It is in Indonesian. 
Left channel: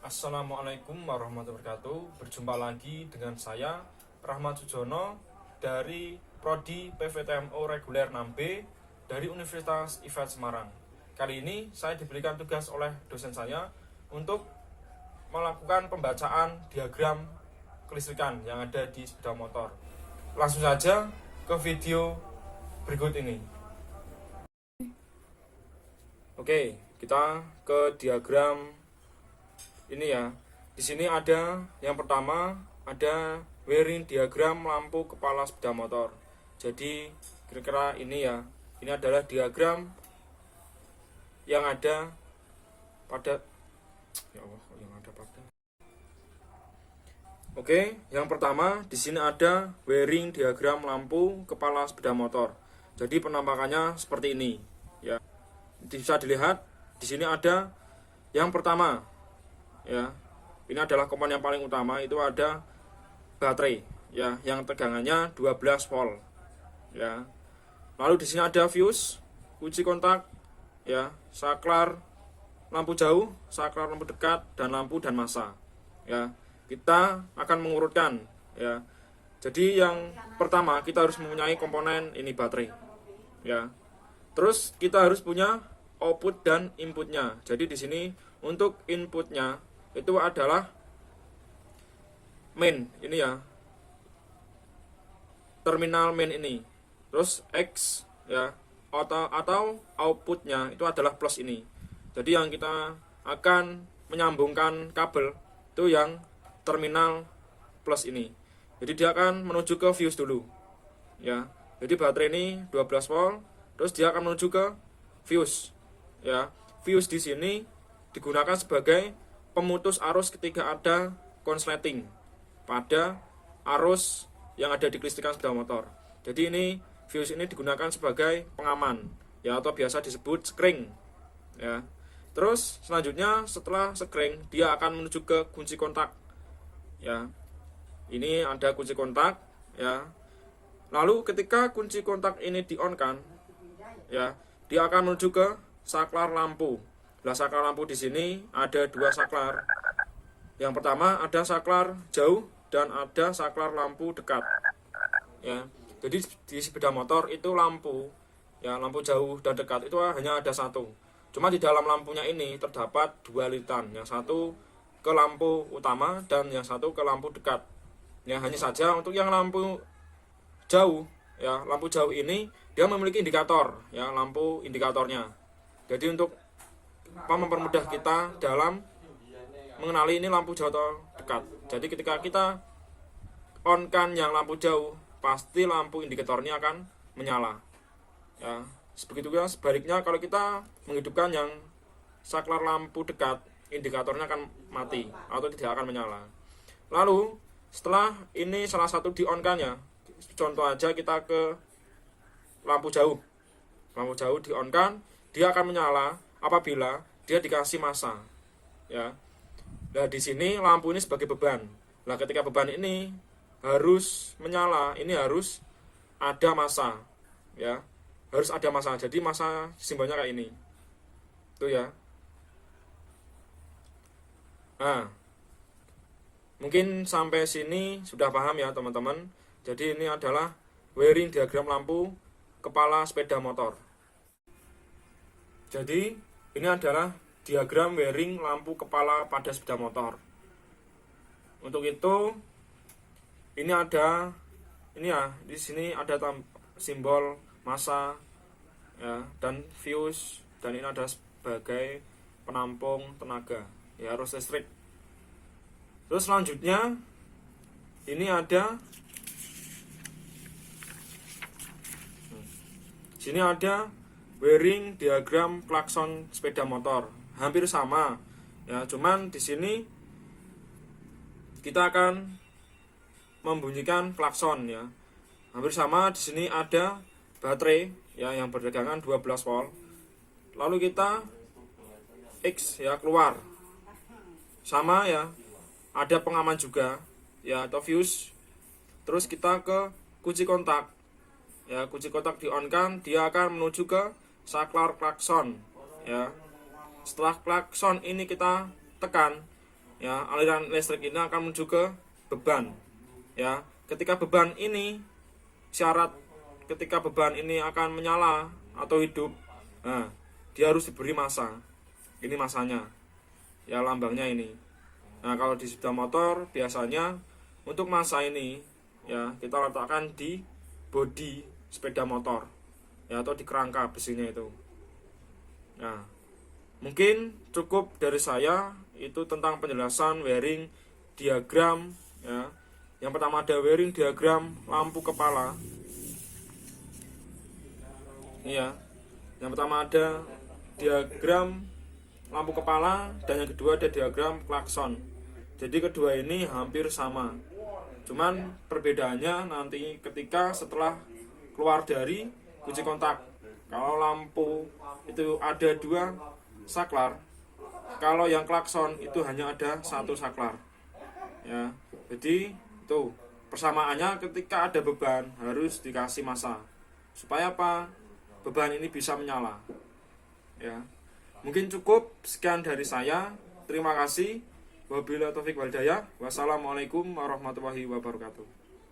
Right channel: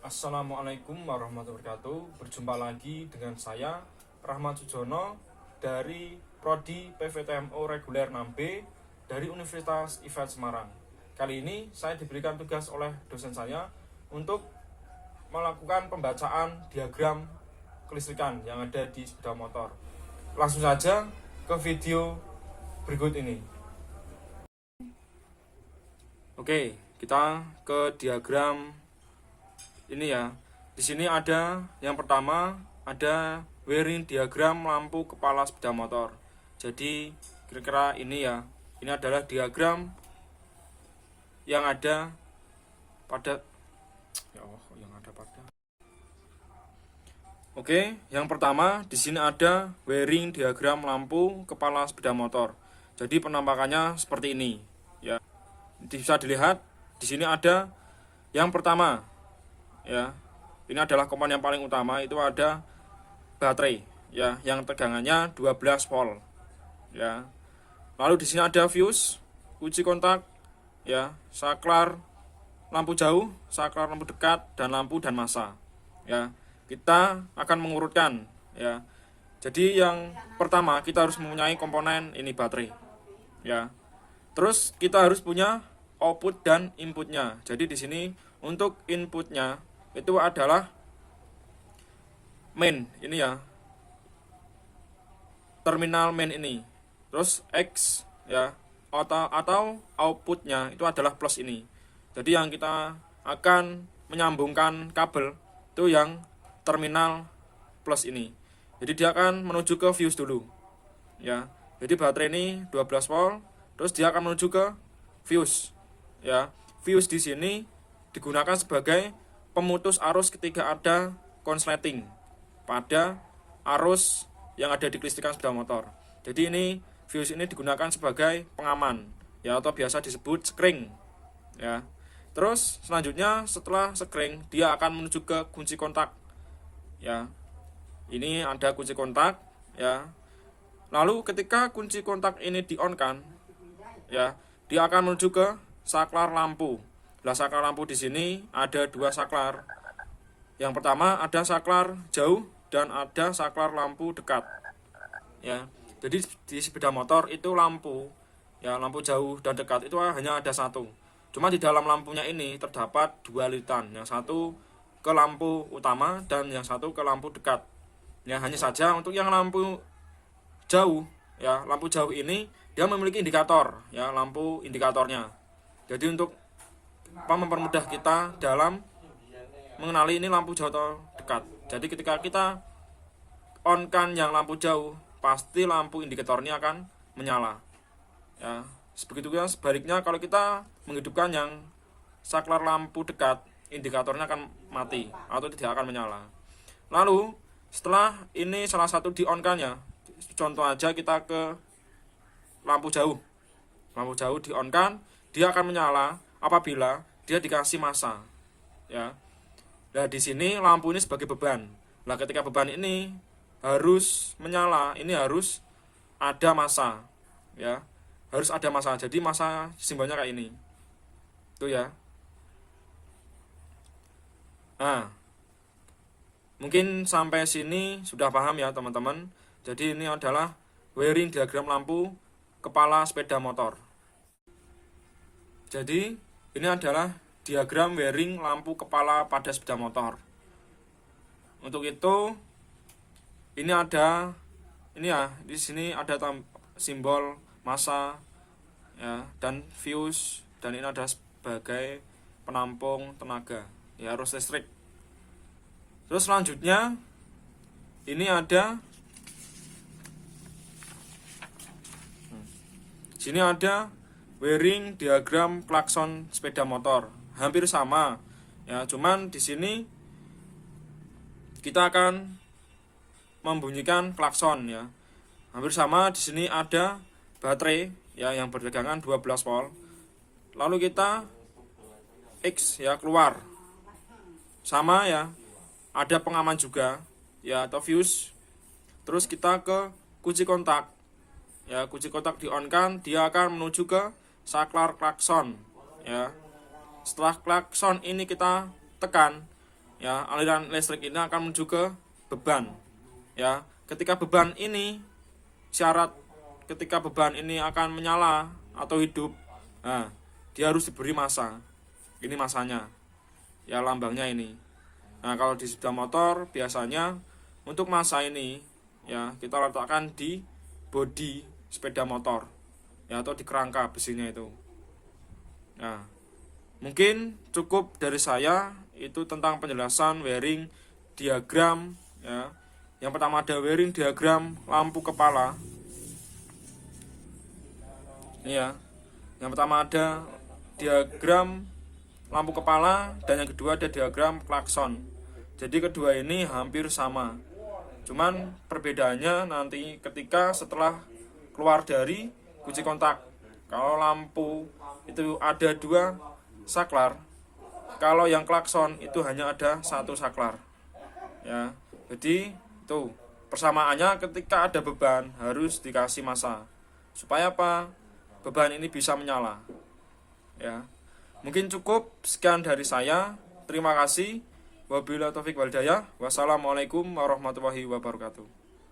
Assalamualaikum warahmatullahi wabarakatuh. Berjumpa lagi dengan saya Rahmat Sujono dari Prodi PVTMO Reguler 6B dari Universitas IFET Semarang. Kali ini saya diberikan tugas oleh dosen saya untuk melakukan pembacaan diagram kelistrikan yang ada di sepeda motor. Langsung saja ke video berikut ini. Oke, kita ke diagram ini ya. Di sini ada yang pertama, ada wiring diagram lampu kepala sepeda motor. Jadi kira-kira ini ya. Ini adalah diagram yang ada pada Oke, yang pertama di sini ada wiring diagram lampu kepala sepeda motor. Jadi penampakannya seperti ini ya. Bisa dilihat di sini ada yang pertama ya. Ini adalah komponen yang paling utama, itu ada baterai ya yang tegangannya 12 volt ya. Lalu di sini ada fuse, kunci kontak ya, saklar lampu jauh, saklar lampu dekat, dan lampu dan massa ya. Kita akan mengurutkan ya. Jadi yang pertama kita harus mempunyai komponen ini baterai ya. Terus kita harus punya output dan inputnya. Jadi di sini untuk inputnya itu adalah main ini ya, terminal main ini. Terus X ya, atau outputnya itu adalah plus ini. Jadi yang kita akan menyambungkan kabel itu yang terminal plus ini. Jadi dia akan menuju ke fuse dulu ya. Jadi baterai ini 12 volt, terus dia akan menuju ke fuse ya. Fuse di sini digunakan sebagai pemutus arus ketika ada konsleting pada arus yang ada di kelistrikan sepeda motor. Jadi ini fuse ini digunakan sebagai pengaman ya, atau biasa disebut skring ya. Terus selanjutnya setelah skring dia akan menuju ke kunci kontak ya. Ini ada kunci kontak ya. Lalu ketika kunci kontak ini di-on-kan ya, dia akan menuju ke saklar lampu. Nah, saklar lampu di sini ada dua saklar. Yang pertama ada saklar jauh dan ada saklar lampu dekat. Ya. Jadi di sepeda motor itu lampu ya, lampu jauh dan dekat itu hanya ada satu. Cuma di dalam lampunya ini terdapat dua lilitan, yang satu ke lampu utama dan yang satu ke lampu dekat. Ya, hanya saja untuk yang lampu jauh ya, lampu jauh ini dia memiliki indikator ya, lampu indikatornya. Jadi untuk mempermudah kita dalam mengenali ini lampu jauh atau dekat. Jadi ketika kita on-kan yang lampu jauh, pasti lampu indikatornya akan menyala ya. Sebegitupun sebaliknya, kalau kita menghidupkan yang saklar lampu dekat, indikatornya akan mati atau tidak akan menyala. Lalu setelah ini salah satu di on-kan ya, contoh aja kita ke lampu jauh di on-kan, dia akan menyala apabila dia dikasih massa ya. Nah di sini lampu ini sebagai beban. Nah ketika beban ini harus menyala, ini harus ada massa ya, harus ada massa. Jadi massa simbolnya kayak ini tuh ya. Nah mungkin sampai sini sudah paham ya teman-teman. Jadi ini adalah wiring diagram lampu kepala sepeda motor. Jadi ini adalah diagram wiring lampu kepala pada sepeda motor. Untuk itu ini ada ini ya, di sini ada simbol massa ya, dan fuse, dan ini ada sebagai penampung tenaga ya, arus listrik. Terus selanjutnya ini ada sini ada wiring diagram klakson sepeda motor, hampir sama ya, cuman di sini kita akan membunyikan klakson ya, hampir sama. Di sini ada baterai ya yang bertegangan 12 volt. Lalu kita X ya keluar, sama ya, ada pengaman juga ya, atau fuse. Terus kita ke kunci kontak ya, kunci kontak di on kan, dia akan menuju ke saklar klakson ya. Setelah klakson ini kita tekan, ya, aliran listrik ini akan menuju ke beban. Ya, ketika beban ini syarat ketika beban ini akan menyala atau hidup, nah, dia harus diberi massa. Ini massanya. Ya, lambangnya ini. Nah, kalau di sepeda motor biasanya untuk massa ini ya kita letakkan di bodi sepeda motor ya, atau di kerangka besinya itu. Nah, mungkin cukup dari saya itu tentang penjelasan wiring diagram ya. Yang pertama ada wiring diagram lampu kepala. Ini ya. Yang pertama ada diagram lampu kepala dan yang kedua ada diagram klakson. Jadi kedua ini hampir sama. Cuman perbedaannya nanti ketika setelah keluar dari kunci kontak. Kalau lampu itu ada 2 saklar, kalau yang klakson itu hanya ada 1 saklar. Ya, jadi itu persamaannya ketika ada beban harus dikasih massa. Supaya apa? Beban ini bisa menyala. Ya. Mungkin cukup sekian dari saya. Terima kasih. Wabillahi taufiq wal hidayah. Wassalamualaikum warahmatullahi wabarakatuh.